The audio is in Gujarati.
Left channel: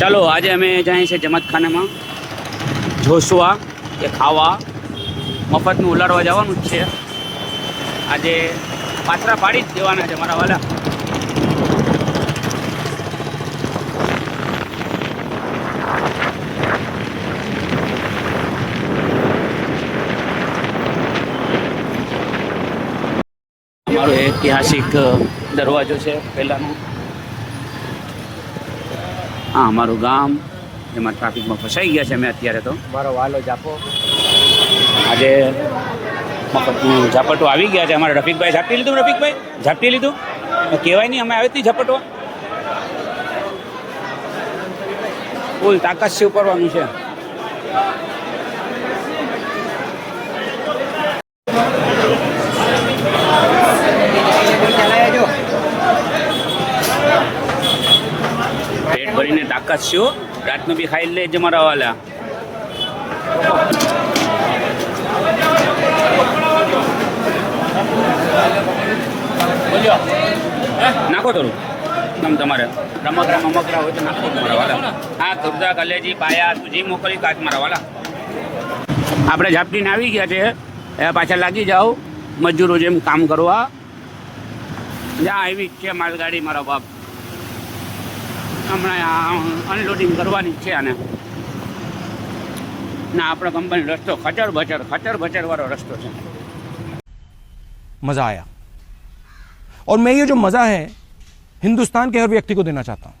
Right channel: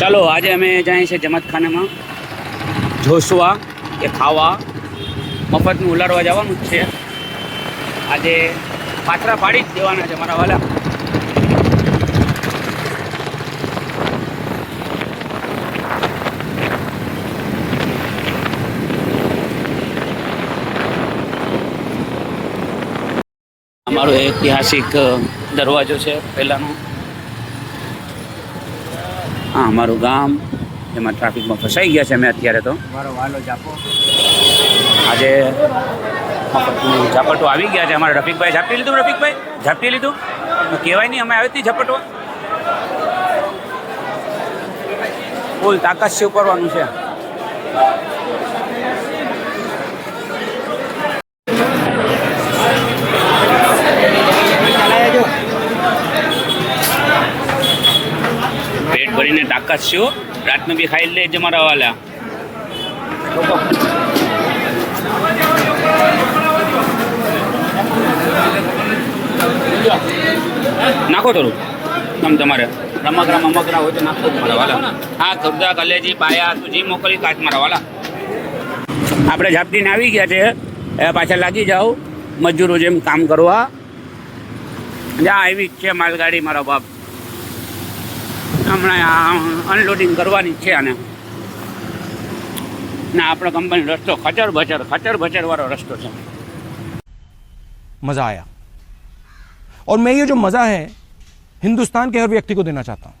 ચાલો આજે અમે જાય છે જમતખાનામાં જોશવા કે ખાવા મફતનું ઉલાડવા જવાનું જ છે. આજે પાથરા પાડી જ દેવાના છે મારા વાલા. અમારો ઐતિહાસિક દરવાજો છે પહેલાંનો. હા, અમારું ગામ એમાં ટ્રાફિકમાં ફસાઈ ગયા છે અમે અત્યારે. તો મારો વાલો જાપો આજે મફતનું ઝાપટું આવી ગયા છે. અમારે રફીકભાઈ ઝાપટી લીધું. રફીકભાઈ ઝાપટી લીધું કહેવાય નહીં, અમે આવી હતી ઝપટવા. ફૂલ તાકાત સેવ કરવાનું છે. પેટ ભરીને તાકાત છો, રાતનું બી ખાઈ લે મારા વાલા. નાખો થોડું તમ તમારે રમકડા મમકડા હોય તો નાખો જ મારા વાલા. હા, ખુરદા કલેજી પાયા તું જી મોકલી કાચ મારા વાલા. આપણે ઝાપટીને આવી ગયા છે. એ પાછળ લાગી જાઓ મજૂરો જેમ કામ કરવા. જ્યાં આવી જ છે માલગાડી મારા બાપ. હમણાં અનલોડિંગ કરવાની છે આને. ના, આપણા કંપની રસ્તો ખચર ભચર વાળો રસ્તો છે. मजा आया और मैं ये जो मजा है हिंदुस्तान के हर व्यक्ति को देना चाहता हूं.